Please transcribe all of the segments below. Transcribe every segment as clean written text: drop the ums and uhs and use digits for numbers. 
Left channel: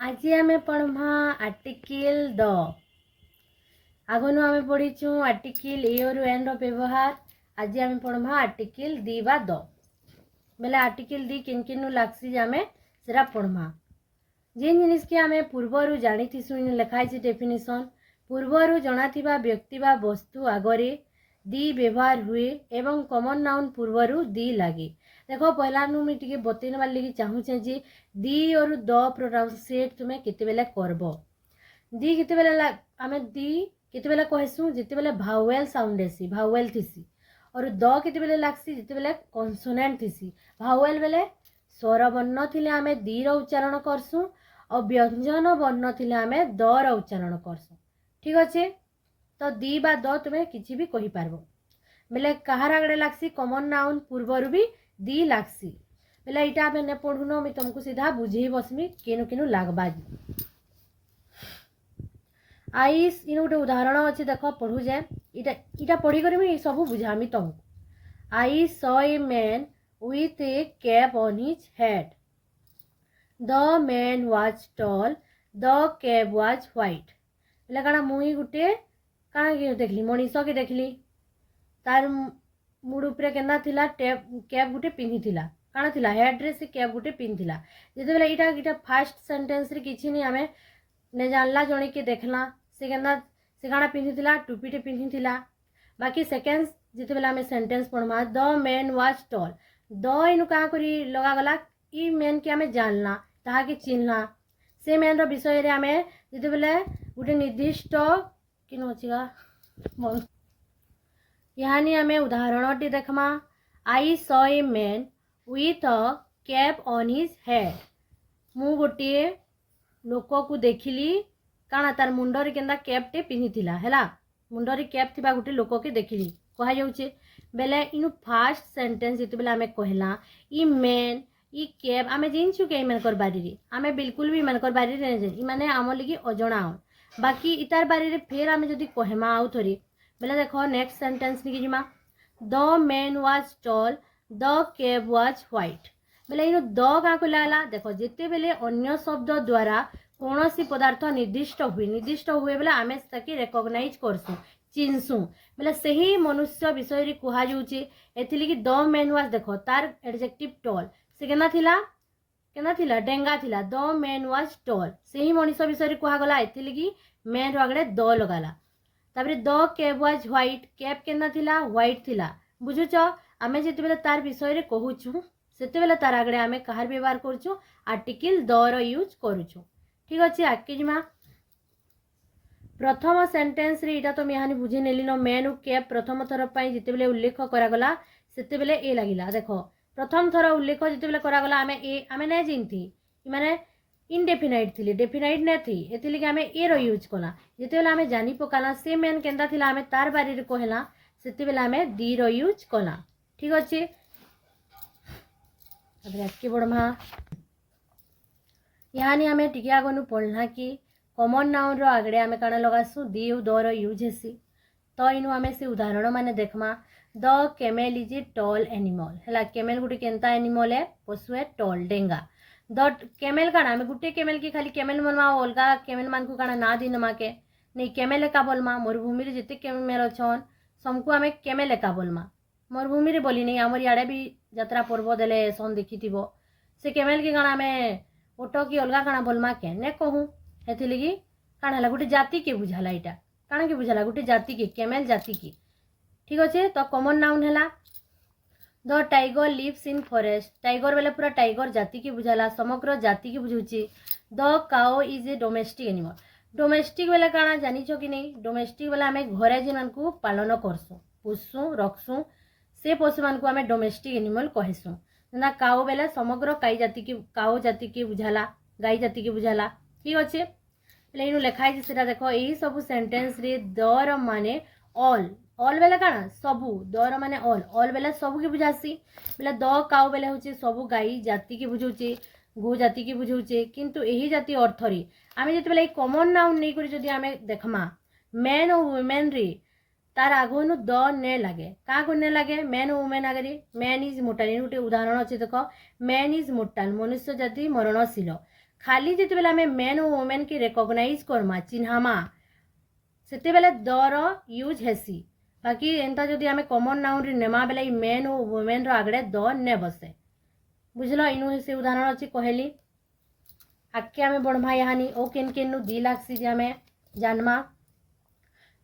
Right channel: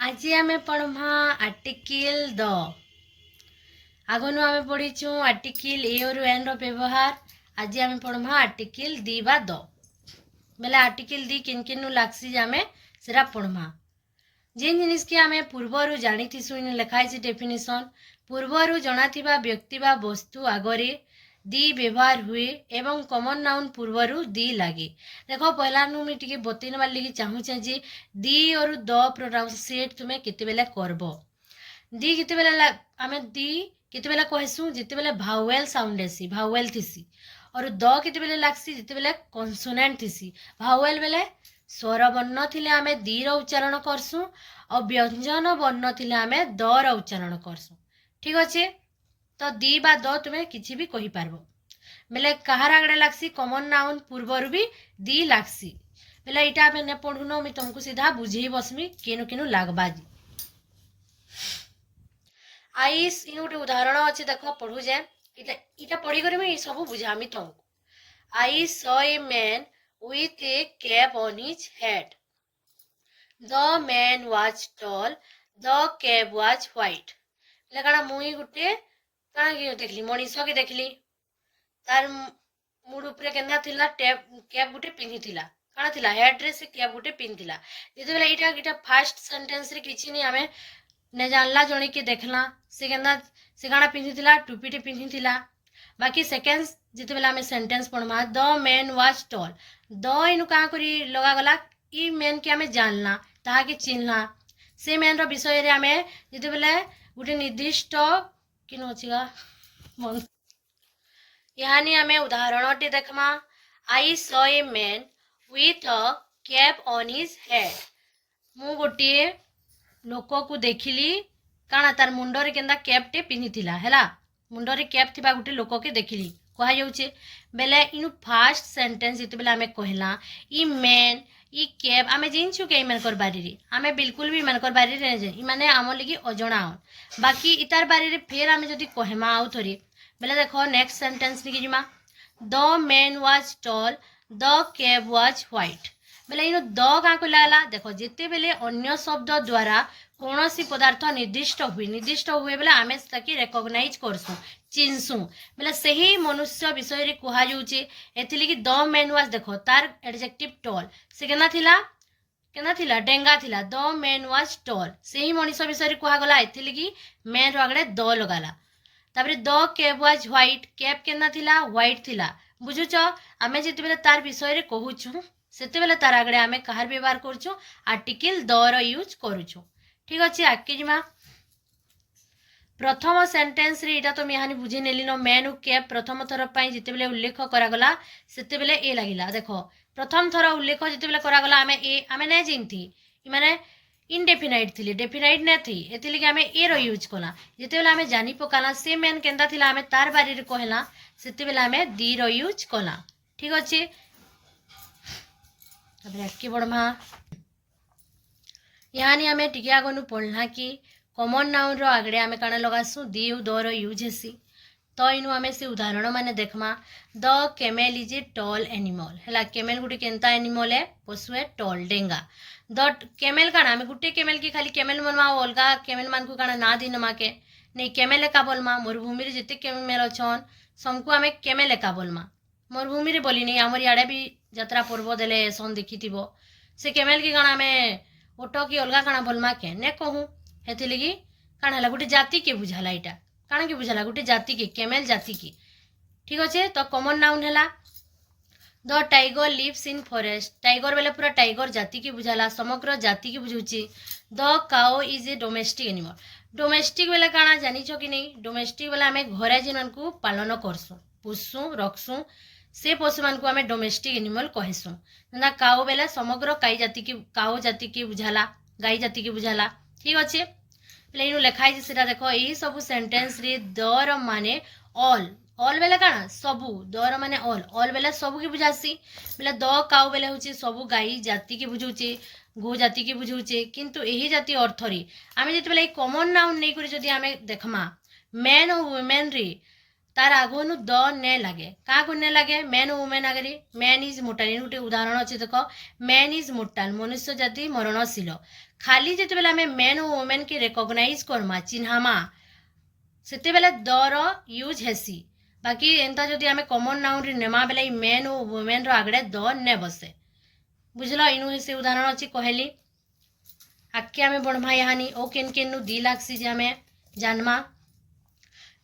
आज आम पढ़मा article the आगनु आम पढ़ीचु आर्टिकल ए और एन व्यवहार। आज आम पढ़मा आर्टिकल दी बा द बेले आर्टिकल दी किन किन लागसी आम सेरा पढ़मा। जेन जिनिस के आम पूर्वर जानी लिखाई डेफिनेशन पूर्वर जना व्यक्ति बा वस्तु आगरे दी व्यवहार हुए एवं कॉमन नाउन पूर्वरु दी लगे। देखो पहला नु मैं टिके बतैनबार लगी चाहूचे जे दी और द प्रोनाउंसिएट तुम्हें केतेबेले करबो। दी केतेबेले आमे दी केतेबेले कहसु जेतेबेले भावेल साउंड एसी भावेल थिसी और द केतेबेले लागसी जेतेबेले कॉन्सोनेंट थिसी। भावेल बेले स्वर वर्ण थिले आमे दी रो उच्चारण करसु और व्यंजन वर्ण थिले आमे द रो उच्चारण करसु। ठीक अच्छे तो दी बा द तुम्हें किसी भी कही पारबो बेले कहार आगड़े लागसी कॉमन नाउन पूर्वर भी दी लागसी बेले इटा में ने पढ़ुनो मैं तुमको सीधा बुझेई बसमी केनु केनु लागबा। आईस इन गोटे उदाहरण अच्छे देख पढ़ू जे इटा इटा पढ़ी कर मैं सब बुझामी तुमको। आई saw a man with a cap on his head. The man was tall. The cap was white. बेले काना मुई गुटे काना के देखली मनीष के देखली तार मुड़ उपरे केना थिला कैप गुटे पिंधि थिला काना थिला हेड रे से कैप गुटे पिंधि थिला। जेते बेले इटा इटा फर्स्ट सेंटेंस रे किछि नै आमे ने जानला जणी के देखला से केना से काना पिंधि थिला टोपीटे पिंधि थिला। बाकी सेकेंड जेते बेले आमे सेंटेंस पढमा द मैन वाज टॉल द इनु का करी लगा गला ई मैन के आमे जानला ताहा के चिन्हला से मैन रो विषय रे आमे जेते बेले गुटे निर्दिष्ट किनो छिगा यानी आमे उदाहरणटी देखमा। I saw a man with a cap on his head मु गोटे लोक को देखिली काना तार मुंडरे केंदा कैपटे पिन्हिथिला हैला मुंडरे कैप थिबा गोटे लोक के देखिली कहा जाउचे बेले इनु फर्स्ट सेंटेंस जेते बेले आमे कहला ई मैन ई कैप आमे जिनछु के मन कर बारी रे आमे बिल्कुल भी मन कर बारी रे जे ई माने आम लगी अजणा बाकी इतार बारी रे फेर आमे जदी कहमा आउ थोरी बेले देखो नेक्स्ट सेंटेंस निकी जिमा the man was tall the cap was white बेले इनु द का को लागला देखो जेते बेले अन्य शब्द द्वारा कौनसी पदार्थ निर्दिष्ट हुए बेले आमे ताकि रिकॉग्नाइज करसु चिन्सु बेले सही मनुष्य विषय रे कहा जाउचे एथिली कि द मैन वाज देखो तार एडजेक्टिव टॉल से केना थिला डेंगा थिला द मैन वाज टॉल सही मनुष्य विषय रे कहा गला एथिली कि मैन रो आगडे द लगाला। तापरे the cap was white cap केना थिला व्हाइट थिला बुझुचो आमे जेते बेले तार विषय रे कहूछु सेते बेले तार आगडे आमे कहार व्यवहार करछु आर्टिकल द रो यूज करूछु। ठीक अच्छे आके जिमा प्रथम सेंटेंस रे इटा तो मेहानी बुझे नेली न मैन कैप प्रथम थर पई जेते बेले उल्लेख करा गला सेते बेले ए लागिला देखो प्रथम थर उल्लेख जेते बेले करा गला आमे नै जिमथि इ माने इनडेफिनाइट थिले डेफिनाइट नै थी एतिले कि आमे ए रो यूज कला जेते बेले आमे जानि पकाला से मैन केंदा थिला आमे तार बारे रे कहला सेते बेले आमे दी रो यूज कला। ठीक अच्छे अब आके बढ़मा यानी आमे टिके आगनु पढ़ला कि कॉमन नाउन रो आगड़े आमे काना लगासु दी द रो यूज हेसी तो इनु आमे से उदाहरण माने देखमा the camel is a tall animal हैला कैमेल गुटे केंता एनिमल है पशु है टॉल डेंगा द कैमेल काना आमे गुटे कैमेल की खाली कैमेल मनमा अलगा कैमेल मान को काना ना दिन माके नहीं कैमेल का बोलमा मरुभूमि रे जेते कैमेल अछन समको आमे कैमेल का बोलमा मरुभूमि रे बोली नहीं हमर याडे भी यात्रा पर्व देले सन देखिथिबो से कैमेल की काना आमे ओटो की अलगा काना बोलमा के ने कहूँ हेथि लगी काना हला गुटे जाति के बुझाला इटा काना के बुझाला गुटे जाति के कैमेल जाति की। ठीक अच्छे तो कॉमन नाउन हैला the tiger lives in forest tiger बेले पूरा टाइगर जाति के बुझाला समग्र जाति के बुझुची। The cow is a domestic animal domestic बेले काना जानिछो कि नहीं डोमेस्टिक बेले आमे घरे जिनन को पालन करसु पुसु रखसु से पशु मान को आमे डोमेस्टिक एनिमल कहसु ना काओ बेले समग्र काओ जाति के बुझाला गाई जाति के बुझाला। ठीक अच्छे इनु लिखाई सेटा देखो यही सब सेंटेंस रे दर माने ऑल बेले काना सबु दर माने ऑल बेले सबु के बुझासी बेले द काउ बेले होचे सबु गाई जाति के बुझौचे गो जाति के बुझौचे किंतु यही जाति अर्थ रे आमे जेते बेले कॉमन नाउन नै करी जदी आमे देखमा मैन और वुमेन रे तार आगनु द ने लगे क्या ने लगे मैन और वुमेन आगे मैन इज मोर्टाल इन गोटे उदाहरण अच्छे देख मैन इज मोर्टाल मनुष्य जाति मरणशील खाली जिते बेले आम मैन और वुमेन की रेकग्नाइज करमा चिन्हामा सेते बेले दर यूज हेसी बाकी एंता जदि आम कमन नाउन नेमा बेले मैन और वुमेन आगड़े द ने बसे बुझल इनु से उदाहरण अच्छी कहली आगे आम बढ़मा यानी ओ केन केनु दी लागसी जे आम जानमा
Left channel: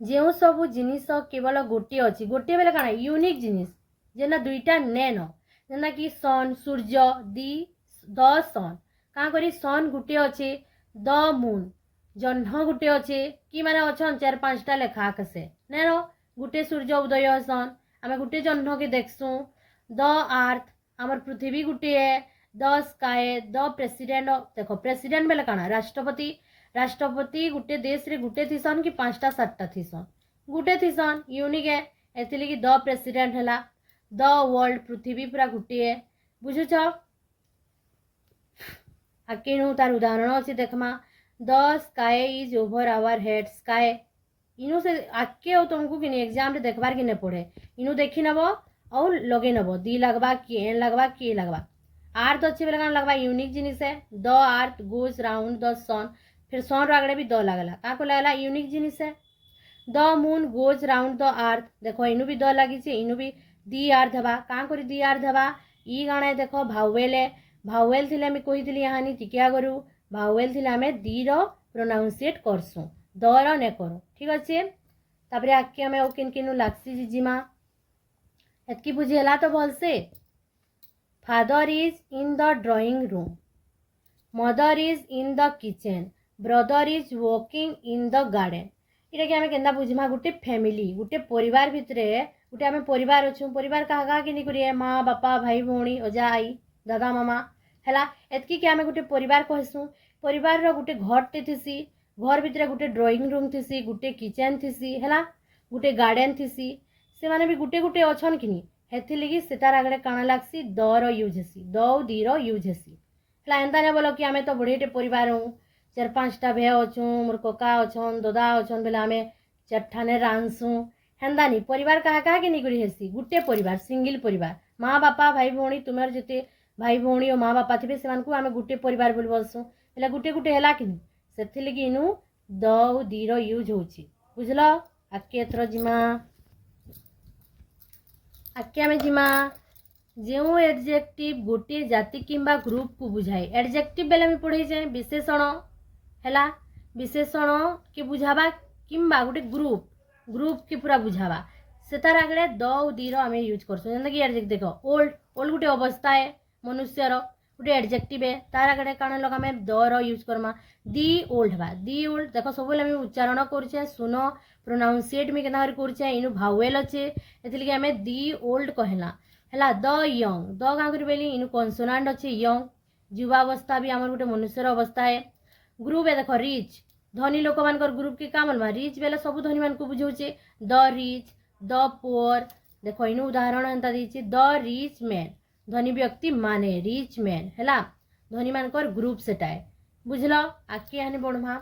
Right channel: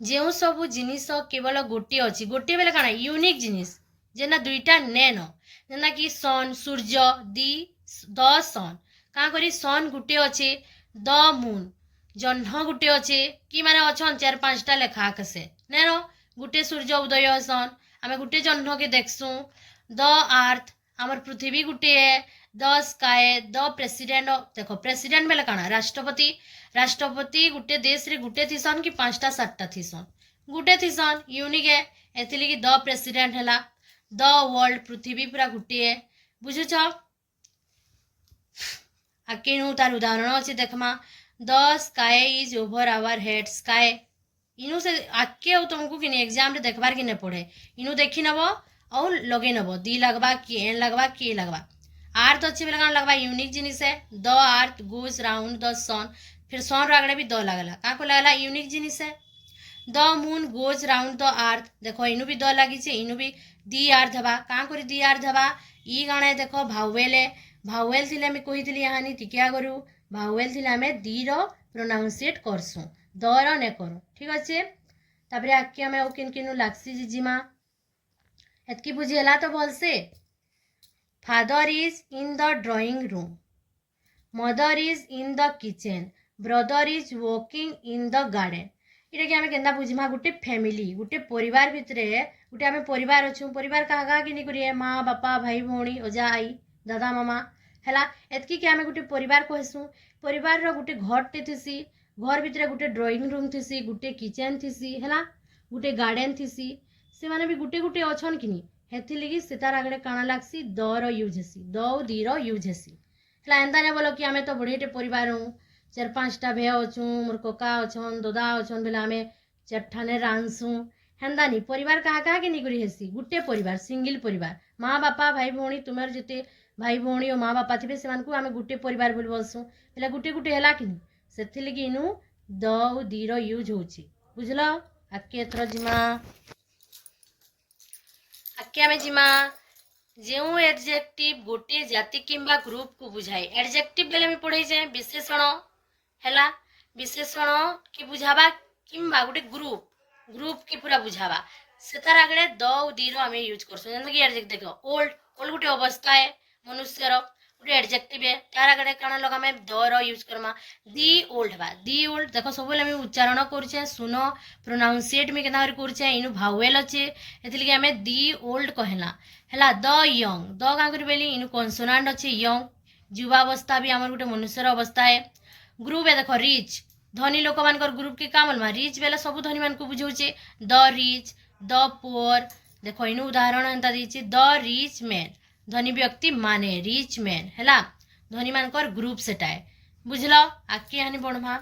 जो सबू जिनिस केवल गोटे अच्छी गोटे बेले काना यूनिक जिनिस जेना दुईटा नेन जेना कि सन सूर्य दी द सन क्या करी सन गोटे अच्छे द मून जह्न गोटे अच्छे कि माने अच्छन 4-5टा लेखा आकाशे नेन गोटे सूर्य उदय सन आम गोटे जह्न के देखसूँ द आर्थ आमर पृथ्वी गोटे द स्काए द प्रेसिडेंट देखो प्रेसिडेंट बेले काना राष्ट्रपति गोटे देश रे गोटे थीसन कि 5टा-7टा थीसन गोटे थीसन यूनिक है एथि द प्रेसिडेंट है द वर्ल्ड पृथ्वी पूरा गोटे बुझुच आके तार उदाहरण अच्छे देखमा the sky is over our head sky इनु से आके तुमको कि एग्जाम रे देखबार कि नहीं पड़े इनु देखी नब और लगे नब दी लगवा कि एन लगवा कि लगवा आर्थ अच्छे बेले कौन लगवा यूनिक जिनिस है द आर्थ गोज राउंड द सन फिर सन आगड़े भी द लगला क्या को लगला यूनिक जिनिस है the moon goes round the आर्थ देखो इनु भी द लगी इनु भी दी आर्थ हवा क्या कर दी आर्थ हवा ई गाणे देखो भावेल भावेल थी आम कही यहाँ टिके आगु भावेल थी आम दी प्रोनाउंसिएट करसुँ दर ने करूँ ठीक अच्छे तापर आगे आम किन किन लागसी जिजिमा एतकी बुझीगला तो भलसे father is in the drawing room mother is in the kitchen brother is walking in the garden इटा कि आम के बुझमा गोटे फैमिली गोटे परिवार भितर गोटे आम परिवार अच्छु परिवार क्या क्या कि करिए माँ बापा भाई भौणी अजा आई दादा मामा है एतकी कि आम गोटे परिवार कहसूँ परिवार गोटे घरटे थीसी घर भितर गोटे ड्रॉइंग रूम थीसी गोटे किचेन थीसी है गोटे गार्डन थीसी से माने भी गोटे गोटे अच्छन कि हेथि लगी से तार आगे काଣା लागसी दर यूज हेसी द दीर यूज हेसी है एंता नहीं बोल कि आम तो बढ़िया परिवार हूँ 4-5टा भे अच्छू मोर कका अच्छन ददा अच्छन बोले आम 4ठाने रांधसुँ हेन्दा नहीं परिवार क्या क्या कि नहीं हेसी गोटे परिवार सिंगल परिवार माँ बापा भाई भौणी तुम्हार जिते भाई भौणी और माँ बापा थे से आम गोटे परिवार बोली बोलसूँ है गोटे गोटे है कि से लगी इनु द दीर यूज हो बुझल आके एथर जिमा आके आम जिमा जो एडजेक्टिव गोटे जाति किंबा ग्रुप को बुझाए एडजेक्टिव बेले में पढ़े जाए विशेषण है विशेषण के बुझावा किंबा गोटे ग्रुप के पूरा बुझावा से तार आगे द दीर आम यूज करसु कि एडजेक्टिव देख ओल्ड ओल्ड गोटे अवस्था है मनुष्यर गोटे एडजेक्टिव है तार आगे काण लगा आम दर यूज करमा दी ओल्ड हवा दी ओल्ड देख सब आम उच्चारण करुचे सुन प्रोनाउंसिएट में केना करुचे इनु भावेल अच्छे एथि आम दी ओल्ड कहला है द यंग द क्या कर इनु कन्सोनाट अच्छे यंग युवावस्था भी आम गोटे मनुष्यर अवस्था है ग्रुप है देख रिच धनी लोक मान ग्रुप के काम अलमा रिच बेले सब धनी मान को बुझाऊे द रिच द पुअर देख इनु उदाहरण एंता दीची द रिच मैन धनी व्यक्ति माने रिच मैन है धनी मानकर ग्रुप सेटा है बुझल आगे यहाँ बढ़मा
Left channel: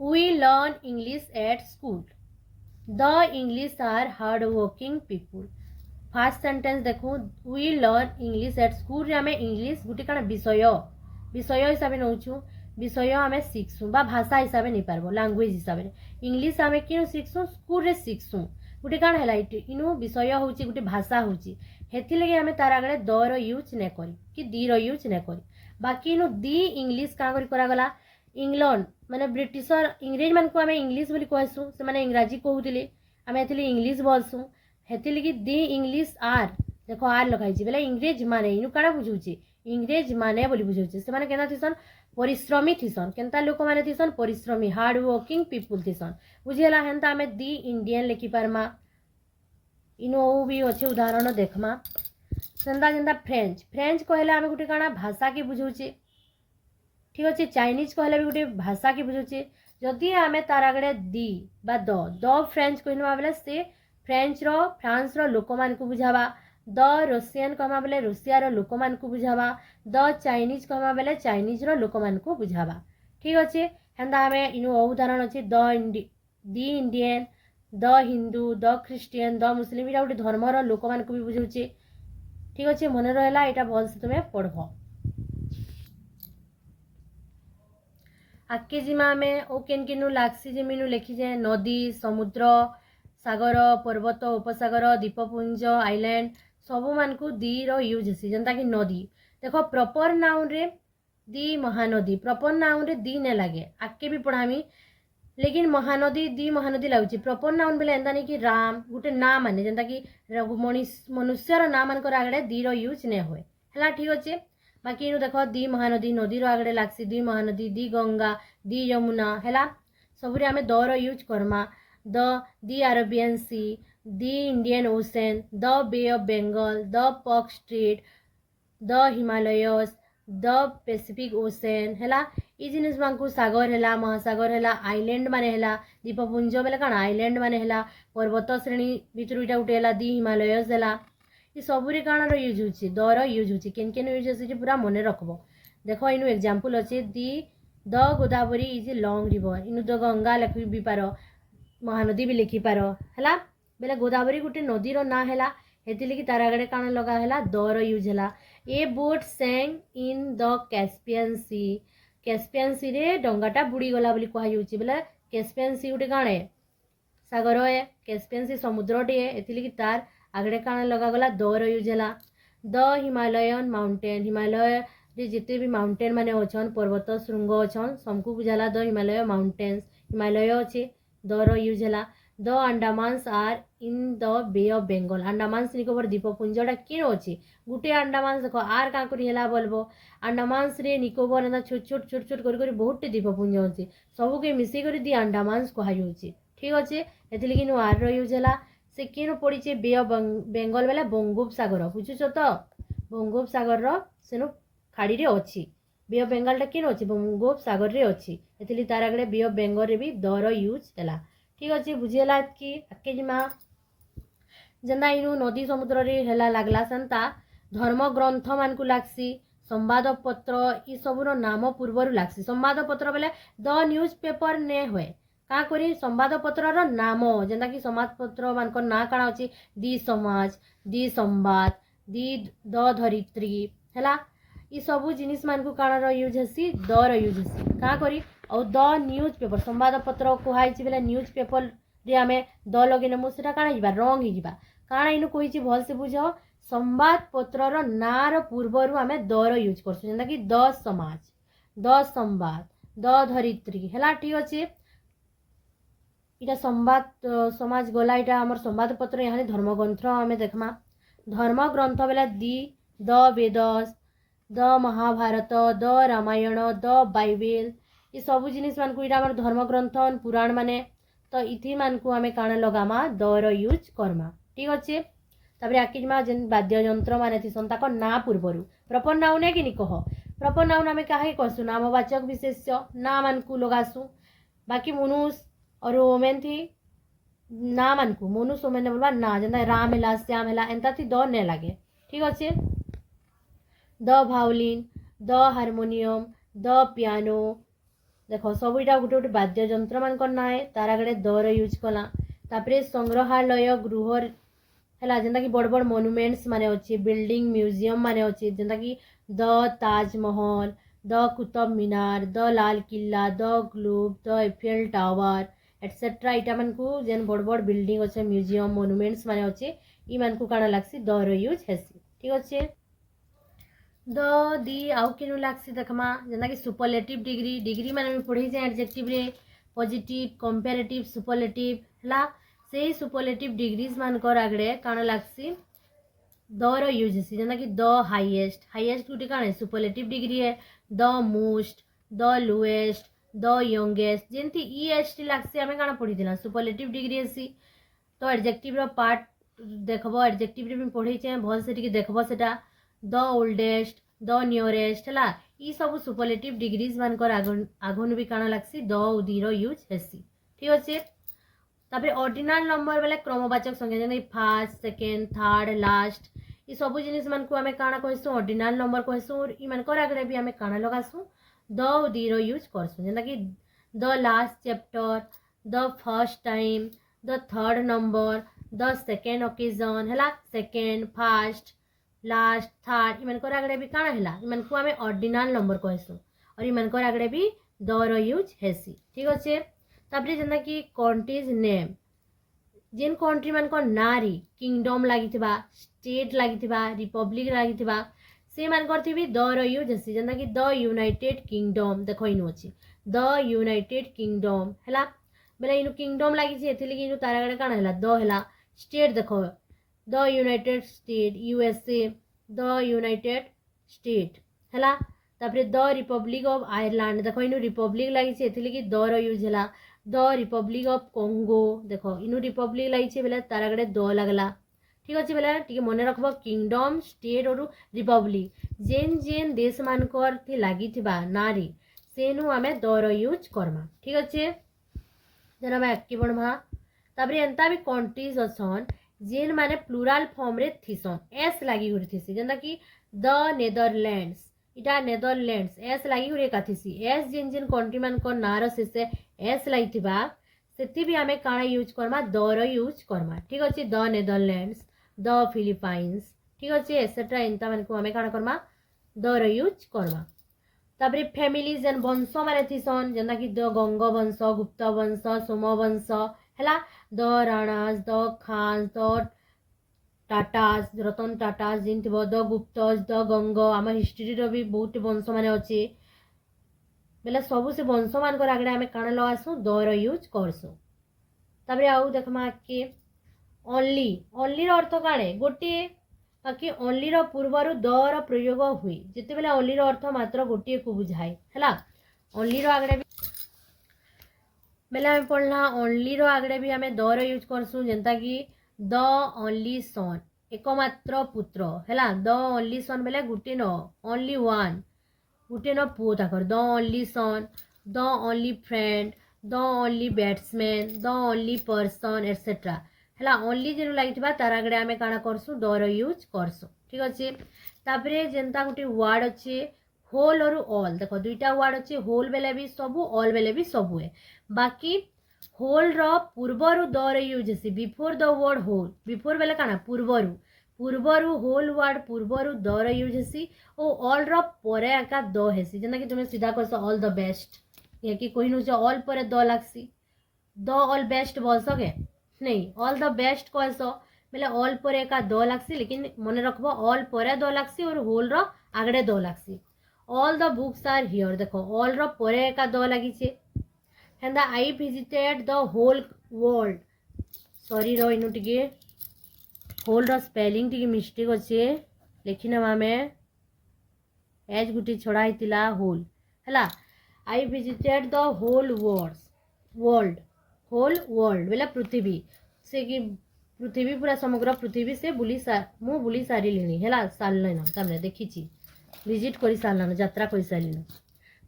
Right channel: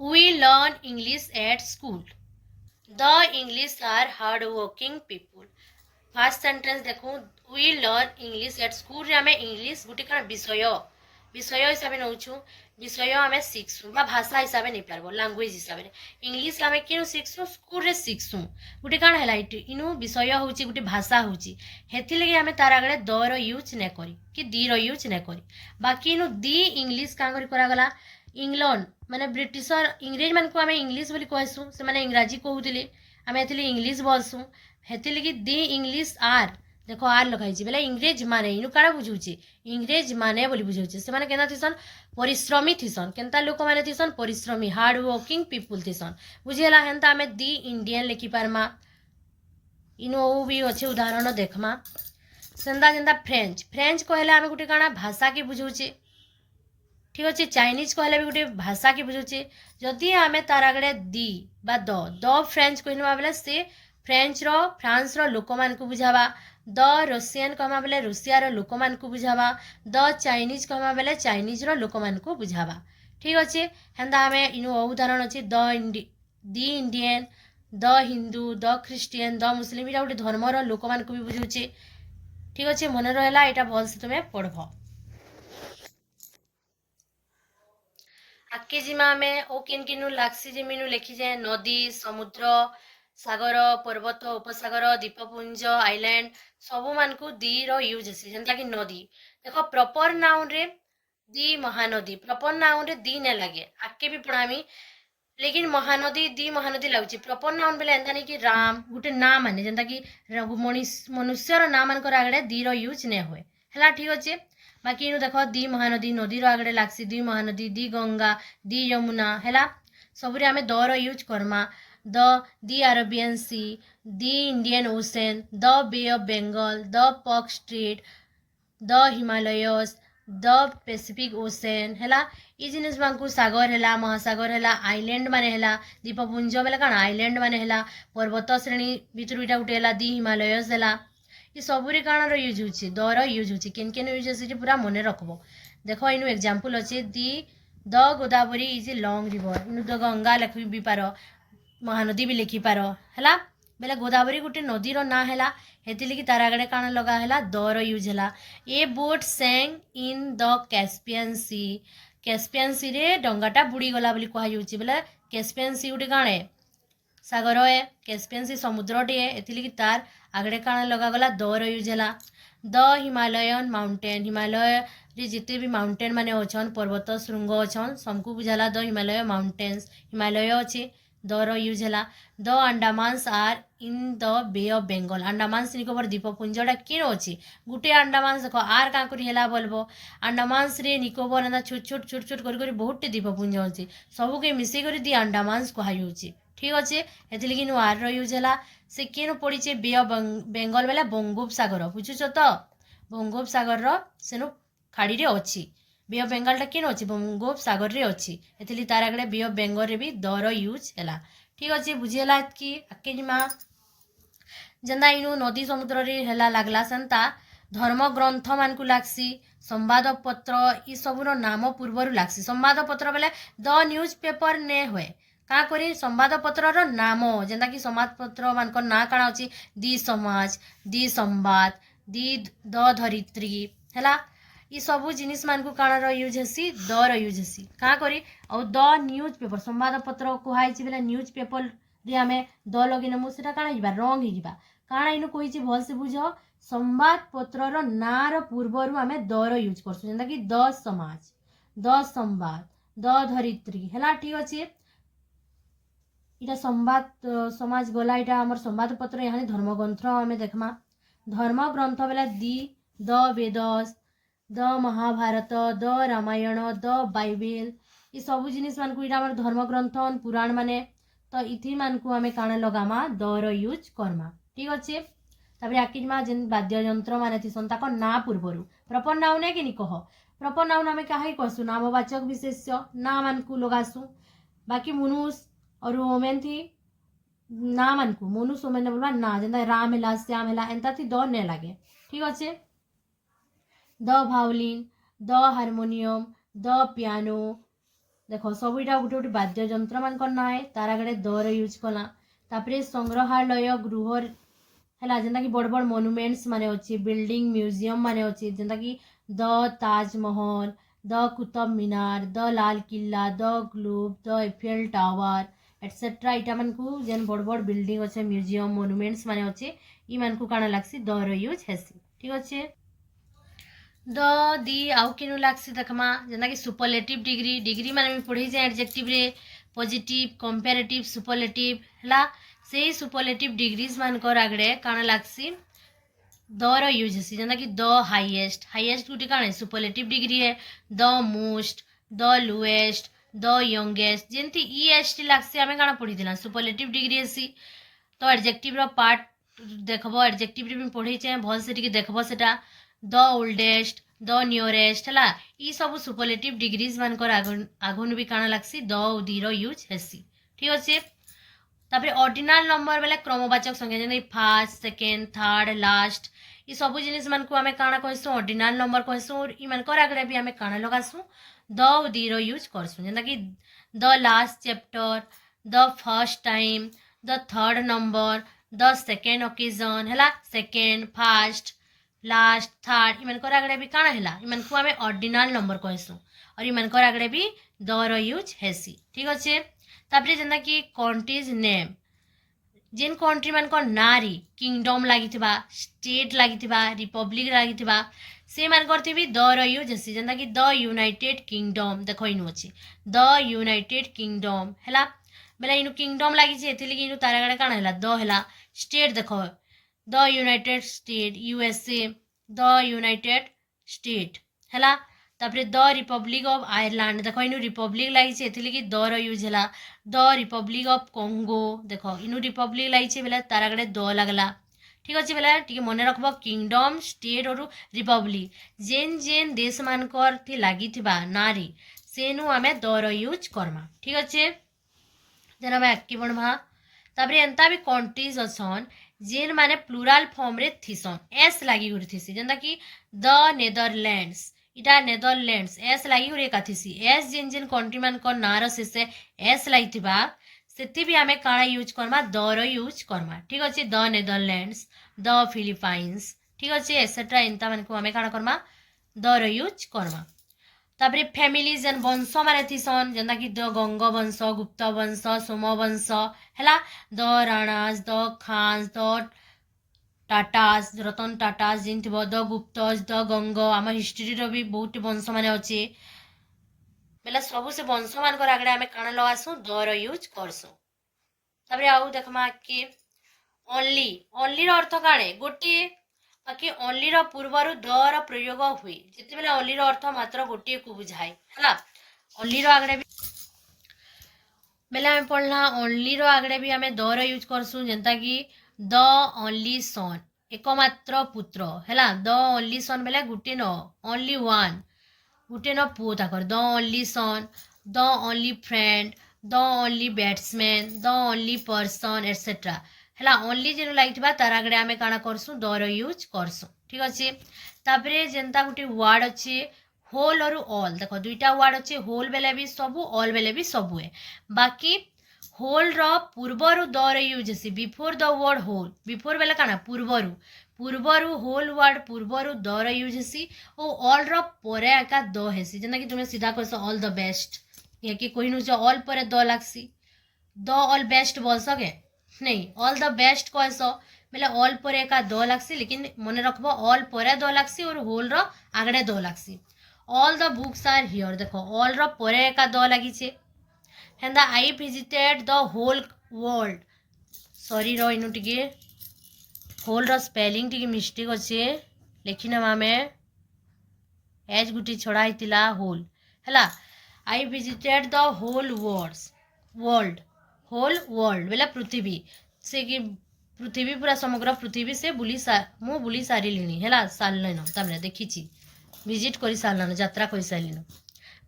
we learn English at school the English are hard working people first sentence देखो we learn English at school रे आमे इंग्लिश गोटे कण विषय हिसाब से नौचु विषय आम शिखसु भाषा हिसाब से नहीं पार्ब लांगुएज हिसाब से इंग्लिश आम कि शिखसु स्कूल रे शिखसु गोटे कण है इनु विषय हूँ गोटे भाषा हूँ हेथि आम तार आगे दर यूज नहीं करी कि दीर यूज नहीं करी बाकी इनु दी इंग्लिश क्या करागला इंग्लैंड माने ब्रिटिशर इंग्रेज मान को आम इंग्लिश बोली कहसु से माने इंग्राजी कहूले आम एथि इंग्लिश बोलसु हेथि लगी दी इंग्लिश आर देखो आर लखाई बोले इंग्रेज माने इनु काड़ा बुझाऊे इंग्रेज माने बोली बुझाऊे से माने केना थीसन परिश्रमी थीसन केनता लोक माने थीसन परिश्रमी हार्ड वर्किंग पीपुल थीसन बुझीगला हेन्ता आम दी इंडियन लिखि पारमा इनु भी अच्छे उदाहरण देखमा सेंदा जेंदा फ्रेंच फ्रेंच कहले आम गोटे काଣା भाषा के बुझाऊे ठीक अच्छे चाइनीज कहले भी गोटे भाषा के बुझाऊे जदि आम तार आगे दी बा द फ्रेंच कहवा बेले से फ्रेंच रो फ्रांस रो लोक मान को बुझावा द रशियन कहमा बेले रूसिया लोक मान को बुझावा द चाइनीज कहमा बेले चाइनीज रो लोक मान को बुझावा ठीक अच्छे हेन्दा आम इनु उदाहरण अच्छे the Indian the Hindu the Christian the Muslim यहाँ गोटे धर्मर लोक मान भी बुझे ठीक अच्छे मन रहा यहाँ भलसे तुम्हें पढ़ आगे जिमा आम ओ केन केनु लागसी जेमिनु लिखीजे नदी समुद्र सागर पर्वत उपसागर द्वीपपुंज आइलैंड सबू मान को दी यूज हेसी जनता कि नदी देख प्रॉपर नाउन रे दी महानदी प्रॉपर नाउन रे दी ने लगे आगे भी पढ़ामी लेकिन महानदी दी महानदी लगुच प्रॉपर नाउन बेले एंता नहीं कि राम गोटे ना माने जनता कि मनुष्यर ना मान आगे दी यूज ने हुए है ठीक अच्छे बाकी इनु देख दी महानदी नदीर आगे लागसी दी महानदी दी गंगा दी यमुना है सबुरे आम दर यूज करमा the Arabian Sea the Indian Ocean the Bay of Bengal the Park Street the Himalayas the Pacific Ocean है ये जिनिस मानकु सागर है महासागर है आइलैंड माने है द्वीपपुंज बेले कण आइलैंड माने है पर्वत श्रेणी भितर इटा गोटे है दी हिमालयस है ये सबुरी काण यूज होची दर यूज होची केन केन यूज होची पूरा मन रखबो देखो इनु एग्जांपल अच्छे the the Godavari is a long river इनु द गंगा लिखि भी पार महानदी भी लिखि पार है बेले गोदावरी गोटे नदीर ना है हेती लगी तार आगे काण लगा है दर यूज है a boat sank in the Caspian Sea रे डंगाटा बुड़ी गला बोली कहुच्छी बोले कैस्पियन सी गोटे काण है सागर है कैस्पियन सी समुद्र टे एती लगी तार आगड़े काण लगागला दर यूज है द हिमालयन माउंटेन हिमालय रे जिते भी माउंटेन माने अच्छन पर्वत श्रृंग अच्छन सबको बुझाला द हिमालय माउंटेन्स हिमालय अच्छे दर यूज है the Andamans are in the Bay of Bengal Andamans Nicobar द्वीपपुंजटा किन अच्छी गोटे अंडमान्स देख आर क्या है बोलबो अंडमान्स रे निकोबर एंता छोट छोट छोट छोट कर बहुत द्वीपपुंज अच्छी सबके मिसेक दी अंडमान्स कहुच्छी ठीक अच्छे हेतिलगी नु आर यूज है से केन पड़ी बे ऑफ बेंगल बेले बंगोपसागर बुझुच तो बंगोपसागर सेनु खाड़ी रे अच्छी बे ऑफ बेंगलटा केन अच्छी बंगोपसागर रे अच्छी एथली तार आगे बे ऑफ बेंगल रे भी दर यूज है ठीक अच्छे बुझीगला कि आके जिमा जेन्दा इनु नदी समुद्र रे है लगला सेन्ता धर्म ग्रंथ मान को लागसी संवाद पत्र ये सबूर नाम पूर्वर लागसी संवाद पत्र बेले द न्यूज पेपर ने हुए क्या करी संवाद पत्र नाम जेनता कि संवाद पत्र मान ना काण अच्छी दी समाज दी संवाद दी द धरित्री है ये सबू जिनिस मान को काण यूज हेसी दर यूज हेसी क्या करी और द न्यूज पेपर संवाद पत्र कहुई बेले न्यूज पेपर रे आम द लगे नेमु से काण हो रंग हो काण इन कही भल से बुझ संवाद पत्र नार पूर्वर आम दर यूज करसु जेनता कि द समाज द संवाद द धरित्री है ठीक अच्छे इटा संवाद समाज गला इटा आमर संवाद पत्र यहाँ धर्मग्रंथ आम देखमा धर्मग्रंथ बेला the the Vedas the Mahabharata the Ramayana the Bible ये सब जिनिस मान को इटा धर्मग्रंथ पुराण माने तो इथि मान को आम काण लगामा दर यूज करमा ठीक अच्छे तापर आकिमा जेन वाद्य यंत्र मान थीसन ताको ना पूर्वर प्रॉपर नाउन है कि नहीं कह प्रॉपर नाउन आम क्या कहसु नामवाचक विशेष्य ना मान को लगासु बाकी मनुष्य और ओमेन थी ना मान को मनुष्य ओमेन बोलवा ना जेनता राम है श्याम है एंता थी द ने लगे ठीक अच्छे the violin the harmonium the piano देख सब इटा गोटे गोटे वाद्य यंत्र मान ना है तार आगे दर यूज कला तापर संग्रहालय गृह है जेनता कि बड़ बड़ मोनुमेंट्स माने अच्छे बिल्डिंग म्यूजियम माने अच्छे जेनता कि the Taj Mahal the Qutub Minar the Lal Qila the globe the Eiffel tower etcetera इटा मान को जेन बड़ बड़ बिल्डिंग अच्छे म्यूजियम मोनुमेंट्स माने अच्छे ई मान को काण लागसी दर यूज हेसी ठीक अच्छे द दी आउ किनु लागसी देखमा जेना कि सुपरलेटिव डिग्री डिग्री माने भी पढ़ी जे एडजेक्टिव रे पॉजिटिव कंपैरेटिव सुपरलेटिव हला से सुपरलेटिव डिग्रीज मान कर आगड़े काण लागसी दर यूज हेसी जेना कि द हाईएस्ट हाईएस्ट गोटे काण है सुपरलेटिव डिग्री है the most the lowest the youngest जेमती ई एस टी लागसी आम काण पढ़ी सुपरलेटिव डिग्री हेसी तो एडजेक्टिव रो पार्ट देखबो एडजेक्टिव रे भी पढ़ी चे भल से टिके देखबो सेटा द ओल्डेस्ट द नियरेस्ट है ये सब सुपरलेटिव डिग्रीज मान कर आगन भी काण लागसी द उदीर यूज हेसी ठीक अच्छे तापर ऑर्डिनल नंबर बेले क्रमवाचक संख्या जेना फर्स्ट सेकेंड थर्ड लास्ट ये सब जिनिस मान को आम काण कहसु ऑर्डिनल नंबर कहसु और इ मान कर आगे भी आम काण लगासु द उदीर यूज करसु जेना कि the last chapter the first time the third number, the second occasion है, सेकेंड, फास्ट, लास्ट, थर्ड, इमानकर आगड़े भी काଣା है, इमानकू आम ऑर्डिनल नंबर कहसू और इमानकर आगड़े भी दर यूज हेसी। ठीक अच्छे। तापरे जेनता कि कंट्रीज नेम, जेन कंट्री मानक नारी किंगडम लगी, स्टेट लगी, रिपब्लिक लगी, से मानकर थी दर यूज हेसी। जेनता कि द यूनाइटेड किंगडम, देख इनु अच्छे द यूनाइटेड किंगडम है, बेले इनु किंगडम लगी एथि इनु तार आगे काଣା है द है। स्टेट देख the United state, USA the United state है। तापरे द रिपब्लिक ऑफ आयरलैंड, देख इनु रिपब्लिक लगी एथि दर यूज है। द रिपब्लिक ऑफ कॉन्गो, देख इनु रिपब्लिक लगी बेले तार आगे द लगला। ठीक अच्छे। बेले टी मन रखब किंगडम, स्टेट और रिपब्लिक जेन जेन देश मानकर थी लगी नारी सेनु आमे दर यूज करमा। ठीक अच्छे। देन आम आगे बढ़वा। तापरे एंता भी कंट्रीज अछन जेन माने प्लूराल फॉर्म रे थीसन, एस लगी हुई थीसी। जेनता कि द नेदरलैंड्स, इटा नेदरलैंड्स एस लगी हुई का थीसी। एस जेन जेन कंट्री मान को नार शेषे एस लगी सेति भी आमे काଣା यूज करमा दर यूज करमा। ठीक अच्छे। द नेदरलैंड्स, द फिलिपाइंस, ठीक अच्छे एसेट्रा एंता मान को आमे काଣା करमा दर यूज करमा। तापरे फैमिली जेन वंश माने थीसन, जेनता कि द गंग वंश, गुप्त वंश, सोम वंश है, the Ranas, the Khans, the Tatas, Ratan Tatas जिन थी, द गुप्तस, द गंग, आम हिस्ट्री भी बहुत वंश माने अच्छे बेले सबू से वंश मान आगे आम काଣା लगासू दर यूज करसू। तापरे आउ देखमा के ओनली, ओनली अर्थ काणे गोटे, बाकी ओनली पूर्वर दर प्रयोग हुए जिते बेले ओनली अर्थ मात्र गोटे को बुझाए है। ओनली आगे भी बेले आम पढ़ला ओनली आगे भी आम दर यूज करसू। जेनता कि द ओनली सन, एकमात्र पुत्र है। द ओनली सन बेले गोटे न, ओनली वन, गोटे न पुओ ताकर। The only son, the only friend, the only batsman, the only person etcetera है। ओनली जेन लगी तार आगे आम काଣା करसू दर यूज करसू। ठीक अच्छे। तापरे जेनता गोटे वर्ड अच्छे होल और ऑल, देख दुईटा वर्ड अच्छे होल बेले भी सबू, ऑल बेले भी सबू है। बाकी होल रो पूर्वर दर यूज हेसी before the word whole, before बेले काଣା पूर्वरु, पूर्वरु होल वर्ड पूर्वरु दर यूज हेसी और ऑल रो परे एका द हेसी। जेना कि तुमने सीधा कहस ऑल द बेस्ट, ये कि कोई नुच ऑल परे द लागसी, द ऑल बेस्ट बोल सके नहीं, ऑल द बेस्ट कहस बेले ऑल पर एका द लागसी, लेकिन मन रखब ऑल पर द लागसी और होल रो आगड़े द लागसी। All the books are here, देखो ऑल रो परे एका द लागिছে। हेंदा I visited the whole world, sorry रो इनु टिके होल रो स्पेलिंग टिके मिस्टेक अच्छे लिखी ना आमे एज गुटी छड़ा हितिला होल हैला। I visited the whole world, whole world बेला पृथ्वी से कि पृथ्वी पूरा समग्र पृथ्वी से मु बुली सारिलिनी हैला, सारलेन तमने देखिछि विजिट करि सारलन, यात्रा करि सारलिन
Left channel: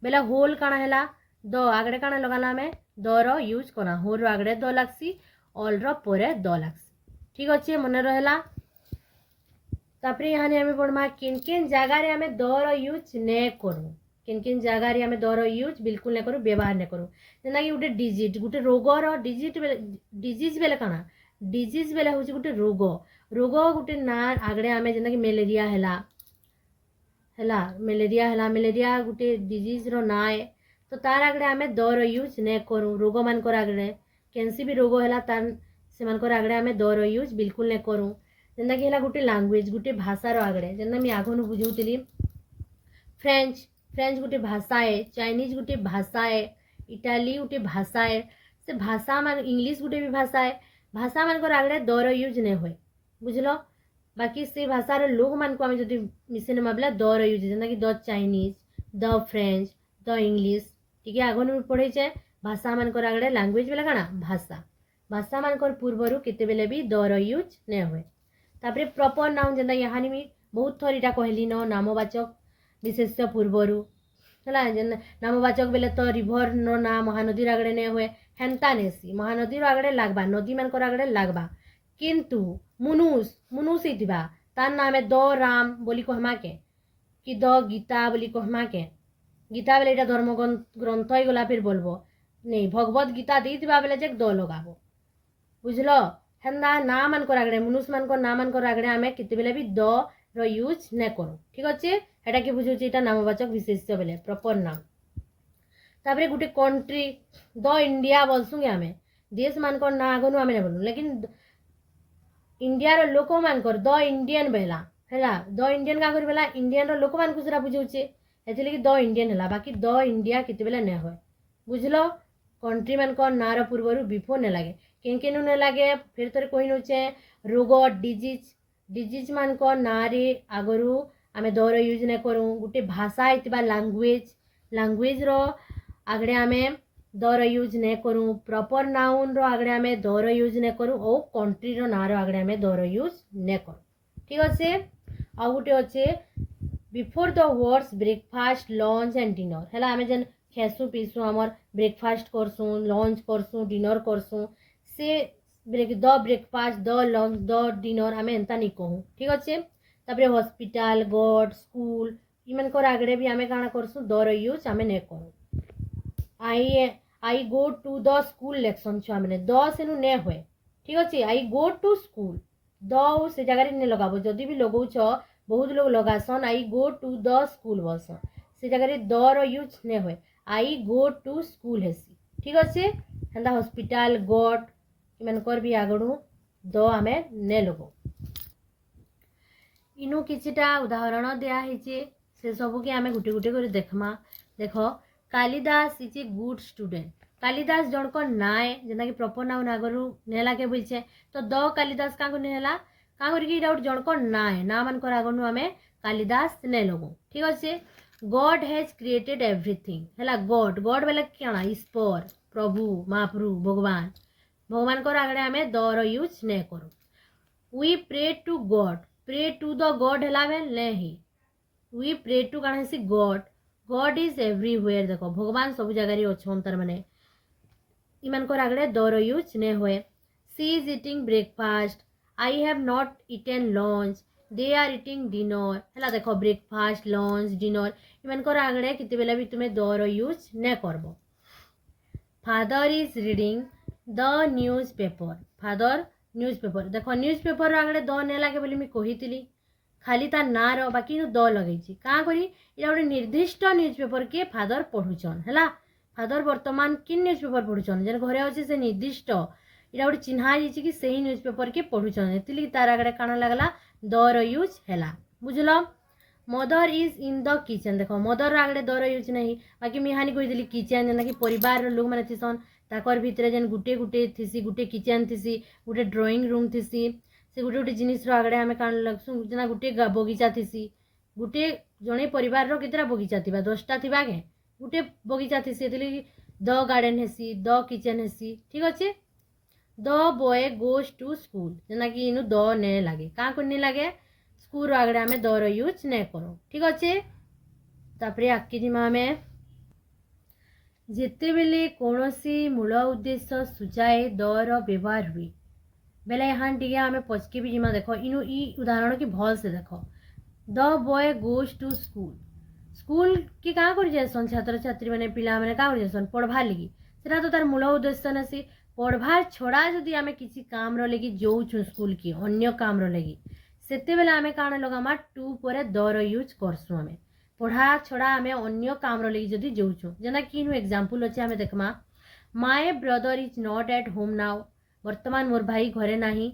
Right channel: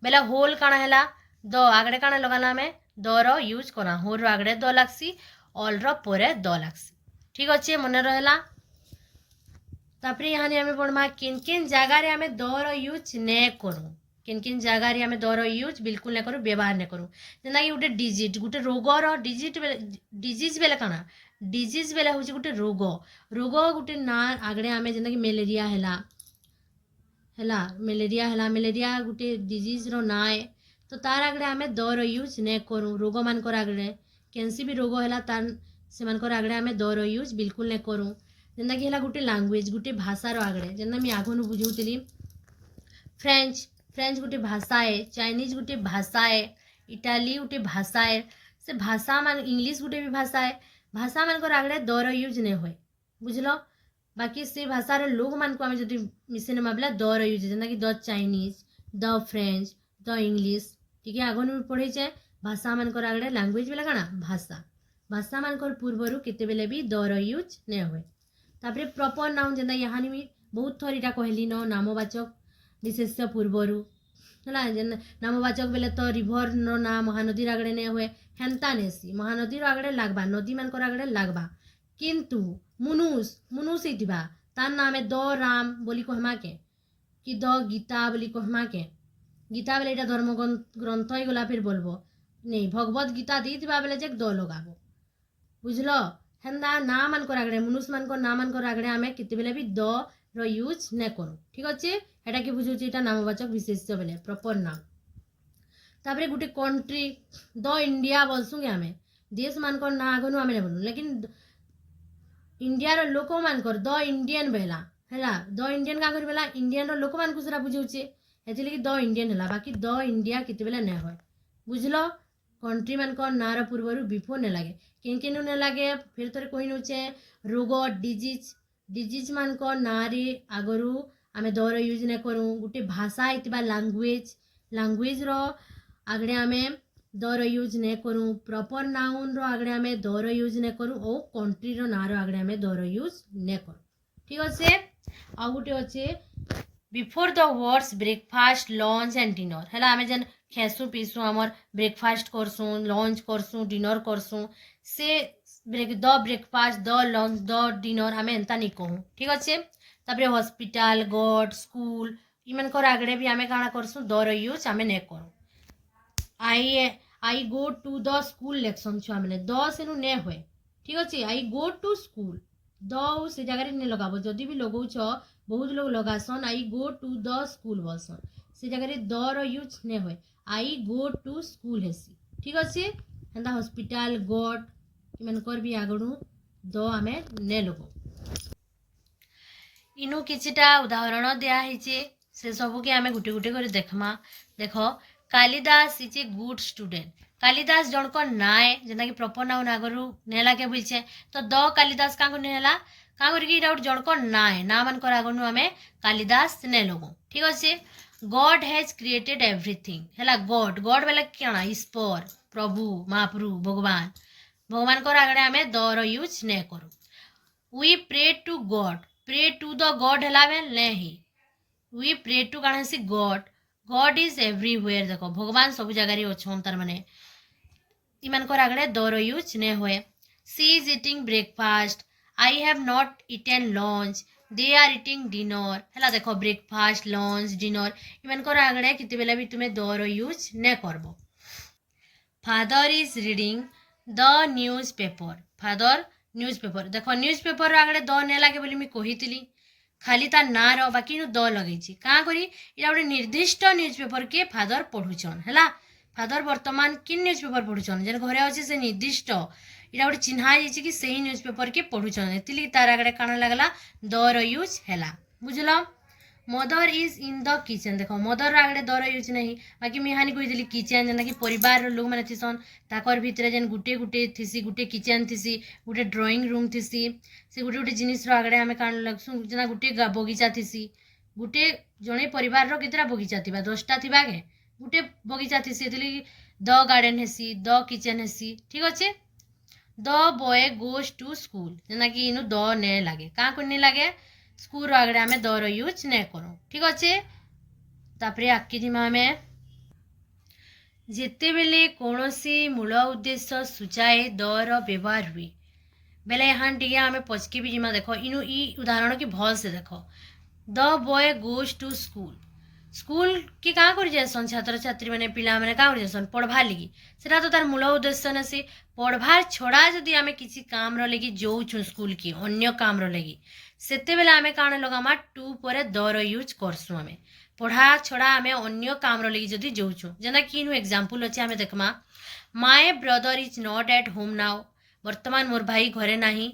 बेला होल काଣା हैला द आगड़े काଣା लगाला हमें द रो यूज करा, होल रो आगड़े द लागसी, ऑल रो परे द लागसी। ठीक अच्छे मन रहला। तापरे यहाँ हमें पढ़मा किन किन जगह रे हमें द रो यूज ने करू, किन किन जगह रे हमें द रो यूज बिल्कुल ने करू, व्यवहार ने करू। जेना कि गोटे डिजिट, गोटे रोग रो डिजिट डिजीज बेले काଣା डिजीज बेले होची गोटे रोग, रोग गोटे ना आगड़े हमें जेना कि मलेरिया हैला हैला, मलेरिया गोटे डिजीज रो ना है, तो तार आगड़े आमे द रो यूज ने करूँ। रोग मानकर आगड़े कैंसी भी रोग है तार से मानकर आगड़े आमे द रो यूज बिल्कुल ने करूँ। जेना कि हैला गोटे लैंग्वेज, गोटे भाषा रो आगड़े जेना मैं आगनु बुझौतिली फ्रेंच, फ्रेंच गोटे भाषा है, चाइनीज गोटे भाषा है, इटाली गोटे भाषा है, से भाषा मान इंग्लिश गोटे भी भाषा है, भाषा मानकर आगड़े द रो यूज ने होए बुझलो। बाकी से भाषार लोग मान को आम जो मिसेन माबला द रो यूज जेना कि the Chinese, the French, the English ठीक है आगन पढ़े जाए। भाषा मानकर आगड़े लैंग्वेज बेले काଣା भाषा, भाषा मानकर पूर्वर केते बेले भी द रो यूज ने होए। तापरे प्रॉपर नाउन जेना यहाँ भी बहुत थर इटा कहली न नामवाचक विशेष्य पूर्वरु है जेना नामवाचक बेले तो रिभर नो ना महानदी आगड़े ने हुए हेन्ता नेसी, महानदी आगड़े लागबा, नदी मानकर आगड़े लागबा, किंतु मुनुस मुनुस इतिबा तार नाम द राम बोली कहमा के कि द गीता बोली कहमा के, गीता बेले इटा धर्म ग्रंथ ही गला फिर बोलबो नहीं, भगवत गीता दी बेले जे द लगाबो बुझलो हेन्दा ना मानकर आगड़े मनुष्य मानकर ना मानकर आगड़े आमे केते बेले भी द रो यूज ने करू ठीक अच्छे हेटा कि बुझुची एटा नामवाचक विशेष्य बेले प्रॉपर नाम तापरे गुटे कंट्री द इंडिया बोलसुगे आमे देश मानकर ना आगनु आमे ने बोलू लेकिन इंडिया रो लोक मानकर द इंडियन बेला हैला द इंडियन का कर बेला इंडियन रो लोक मान को सेरा बुझुचे एथि कि द इंडियन हैला बाकी द इंडिया केते बेले ने होय बुझलो कंट्री मानकर ना रो पूर्वरु बिफोर ने लागे केनु ने लागे फिर तोरे कोइ नोचे रोग डिजीज मानकर ना रे आगरु आमे द रो यूज ने करू गुटे भाषा इतबा लैंग्वेज रो आगड़े आमे द रो यूज ने करू प्रॉपर नाउन रो आगड़े आमे द रो यूज ने करू ओ कंट्री रो ना रो आगड़े आमे द रो यूज ने करू ठीक अच्छे आ गुटे अच्छे before the words breakfast lunch and dinner हैला आमे जन खेसु पीसु हमर ब्रेकफास्ट करसु लंच करसु डिनर करसु से the breakfast the lunch the dinner आमे एंता नहीं कहूँ ठीक अच्छे तापरे हॉस्पिटल गॉड स्कूल इमानकर आगड़े भी आमे काଣା करसु द रो यूज आमे ने करू I go to the school लेक्सन छुआ मैंने द सेनु ने हुए ठीक अच्छे I go to school the से जगह ने लगाबो जदि भी लगौछ बहुत लोग लगासन I go to the school बसन से जगह द रो यूज ने हुए आई गो टू स्कूल हेसी ठीक अच्छे हेंदा हॉस्पिटल गॉड इमानकर भी आगड़ू द आमे ने लगो इनु किछिटा उदाहरण दिया हिचे से सब के आमे गुटे गुटे कर देखमा देखो Kalidas is a good student Kalidas जन को नाए जेना कि प्रॉपर नाउन आगरु ने लागे बोलछे तो द कालिदास का को नेला का करके इटा जन को नाए ना मान कर आगनु हमें कालिदास ने लगो ठीक अच्छे गॉड हैज क्रिएटेड एवरीथिंग हैला गॉड गॉड बेले क्या ईश्वर प्रभु महाप्रभु भगवान कर आगड़े हमें द रो यूज ने करू we pray to God pray to the God हैला बेल ने ही वी प्रे टू काना सी गॉड इज एवरीवेयर देखो भगवान सब जगह अच्छन तार माने इमान कर आगड़े द रो यूज ने हुए she is eating breakfast I have not eaten lunch they are eating dinner हैला देखो ब्रेकफास्ट लंच डिनर इमान कर आगड़े किते बेला भी तुम्हें द रो यूज ने करबो father is reading the newspaper father newspaper देखो न्यूज़पेपर आगड़े द ने लागे बोली मी कहितली खाली तार ना रो बाकी नु द लगेछि का करी इरा गोटे निर्दिष्ट न्यूज़पेपर के फादर पढ़ुछन हैला फादर वर्तमान किन न्यूज़पेपर पढ़ुछन जेन घरे अछि से निर्दिष्ट इरा गोटे चिन्हा जाइछि कि सही न्यूज़पेपर के पढ़ुछन एतिली तार आगड़े काना लागला द रो यूज हैला बुझलो mother is in the kitchen देखो मदर आगड़े द रो यूज नहीं बाकी मी हानि कहितली किचन जेना कि परिवार रो लोग माने थिसन ताकर भितरे जेन गुटे गुटे थिसी गुटे किचन थिसी गुटे ड्राइंग रूम थिसी से गुटे गुटे जिनिस रो आगड़े हमें कान लगसु जेना गुटे बगीचा थिसी गुटे जणे परिवार रो कितरा बगीचा थिबा 10टा थिबा के गुटे बगीचा थिसी एतली द गार्डन हेसी द किचन हेसी ठीक अच्छे the boy goes to school जेना कि इनु द ने लागे का कोनी लागे स्कूल रो आगड़े हमें द रो यूज ने करो ठीक अच्छे तापरे आकी दिमा हमें जेते बेले कोनोसी मूल उद्देश्य सूचाए द रो व्यवहार हुए बेले यहाँ टिके आमे पचके भी जिमा देखो इनु ई उदाहरण की भल से देखो the boy goes to school की क्या कर जासन छात्र छात्री मैंने पिला मैंने क्या कर जासन पढ़वा लगी सेटा तो तार मूल उद्देश्य न से पढ़वार छड़ा जदि आमे किसी काम रो लगी जोउछु स्कूल की अन्य काम रो लगी सेते बेले आमे काण लगामा टू परे द रो यूज करसु आमे पढ़ा छड़ा आमे अन्य काम रो लगी जदि जोउछु जेना कि इनु एग्जांपल अछि आमे देखमा my brother is not at home now वर्तमान मोर भाई घरे नाही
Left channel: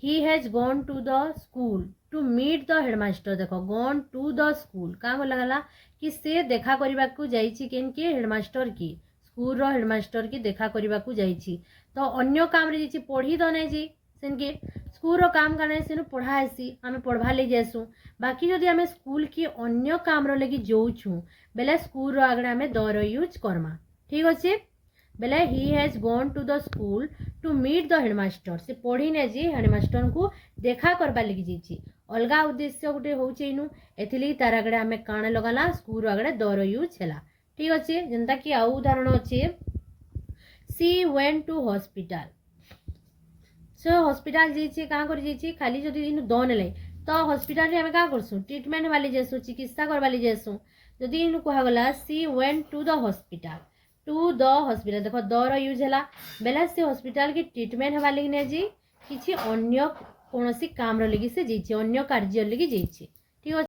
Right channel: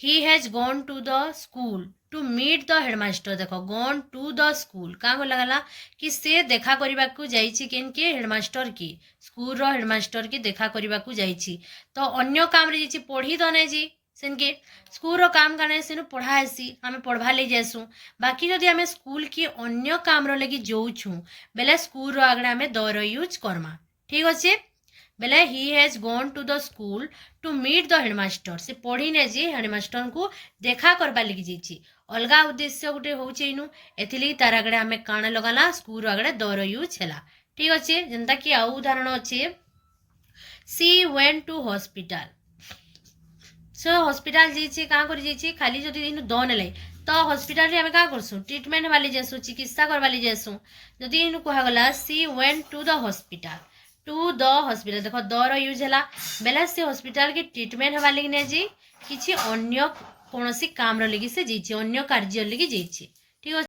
he has gone to the school to meet the headmaster देखो गॉन टू द स्कूल क्या लगला कि से देखा करने को जाइछि केन के हेडमास्टर की स्कूल रो हेडमास्टर की देखा करने को जाइछि तो अन्य काम रे जाइछि पढ़ी तो नै जी सेन के स्कूल रो काम करने सेनु पढ़ाएसी आमे पढ़वा ले जासु बाकी जदि आमे स्कूल की अन्य काम रो लगी जोउछु बेले स्कूल रो आगडा आमे द रो यूज करमा ठीक अछि बेले he has gone to the school to meet the headmaster से पढ़ी ने जी हेडमास्टर को देखा करबा लगी जाइछि अलगा उद्देश्य गोटे होउछि इनु एथिली तार आगडे आमे काण लगाला स्कूल रो आगडे द रो यूज हैला ठीक अछि जेंता कि आ उदाहरण अछि सी वेंट टू हॉस्पिटल सो हॉस्पिटल जाइछि का कर जाइछि खाली जदि इनु द नेले तो हॉस्पिटल रे आमे का करसु ट्रीटमेंट वाली जेसु चिकित्सा करवाली जेसु जदि इनु कहा गला she went to the hospital to the hospital देख दर यूज है बेले से हॉस्पिटल की ट्रीटमेंट हवा लगी नहीं जी किसी अन्य कौन काम लगी से अन्य कार्य लगी ठीक है।